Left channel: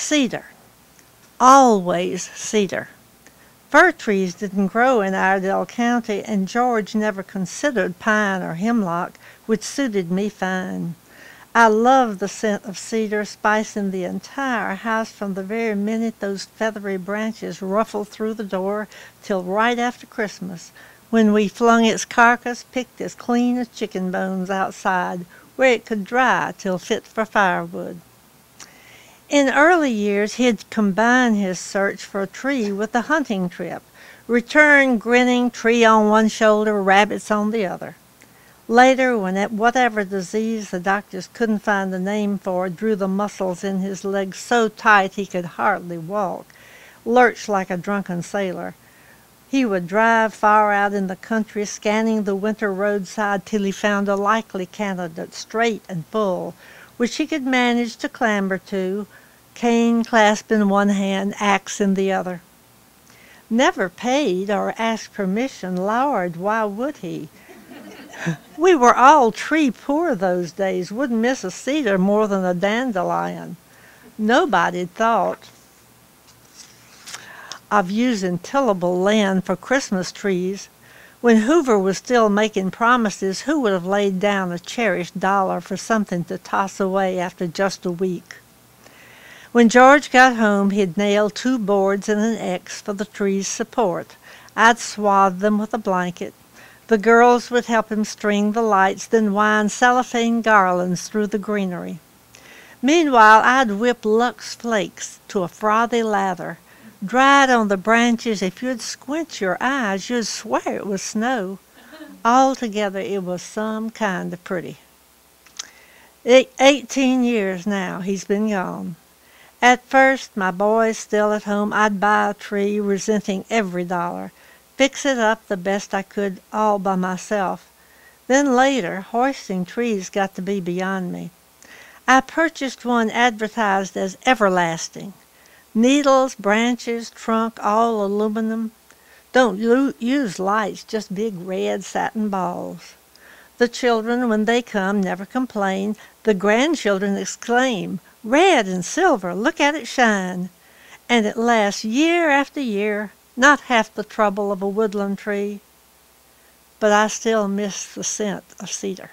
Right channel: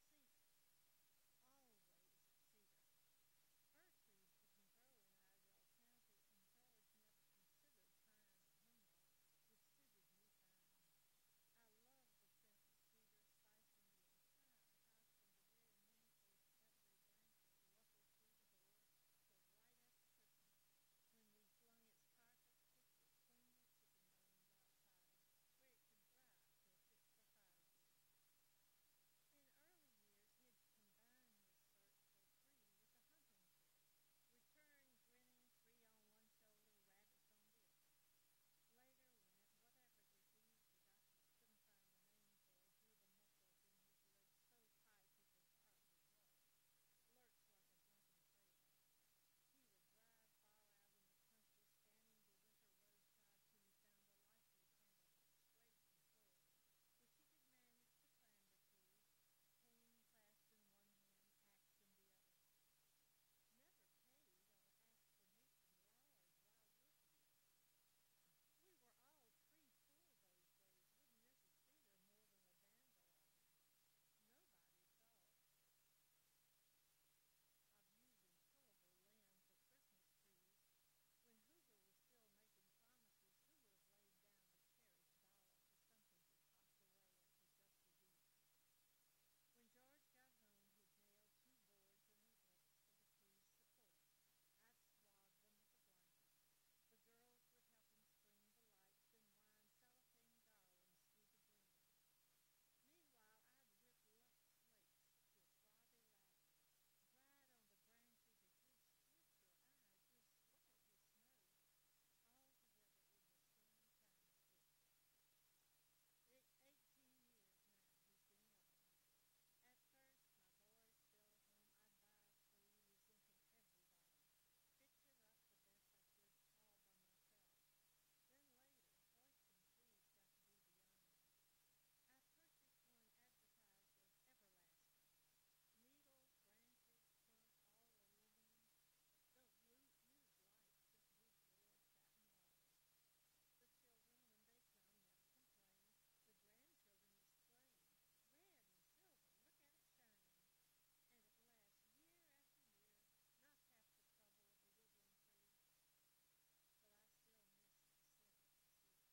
Cedar. Always cedar. Fir trees didn't grow in Iredell County, and George never considered pine or hemlock, which suited me fine. I loved the scent of cedar spicing the entire house from the very minute those feathery branches ruffled through the door till right after Christmas, when we flung its carcass, picked as clean as chicken bones, outside, where it could dry till fit for firewood. In early years he'd combine his search for a tree with a hunting trip, return grinning, tree on one shoulder, rabbits on the other. Later, when whatever disease the doctors couldn't find a name for drew the muscles in his legs so tight he could hardly walk, lurch like a drunken sailor, he would drive far out in the country, scanning the winter roadside till he found a likely candidate, straight and full, which he could manage to clamber to, cane clasped in one hand, axe in the other. Never paid or asked permission, Lord, why would he? We were all tree poor those days, wouldn't miss a cedar more than a dandelion. Nobody thought of using tillable land for Christmas trees. When Hoover was still making promises, who would have laid down a cherished dollar for something to toss away after just a week? When George got home, he'd nail 2 boards and an X for the tree's support. I'd swathe them with a blanket. The girls would help him string the lights, then wind cellophane garlands through the greenery. Meanwhile, I'd whip Lux Flakes to a frothy lather. Dried on the branches, if you'd squint your eyes, you'd swear it was snow. Altogether, it was some kind of pretty. 18 years now he's been gone. At first, my boys still at home, I'd buy a tree, resenting every dollar, fix it up the best I could all by myself. Then later, hoisting trees got to be beyond me. I purchased one advertised as everlasting. Needles, branches, trunk, all aluminum. Don't use lights, just big red satin balls. The children, when they come, never complain. The grandchildren exclaim, "Red and silver, look at it shine." And it lasts year after year, not half the trouble of a woodland tree. But I still miss the scent of cedar.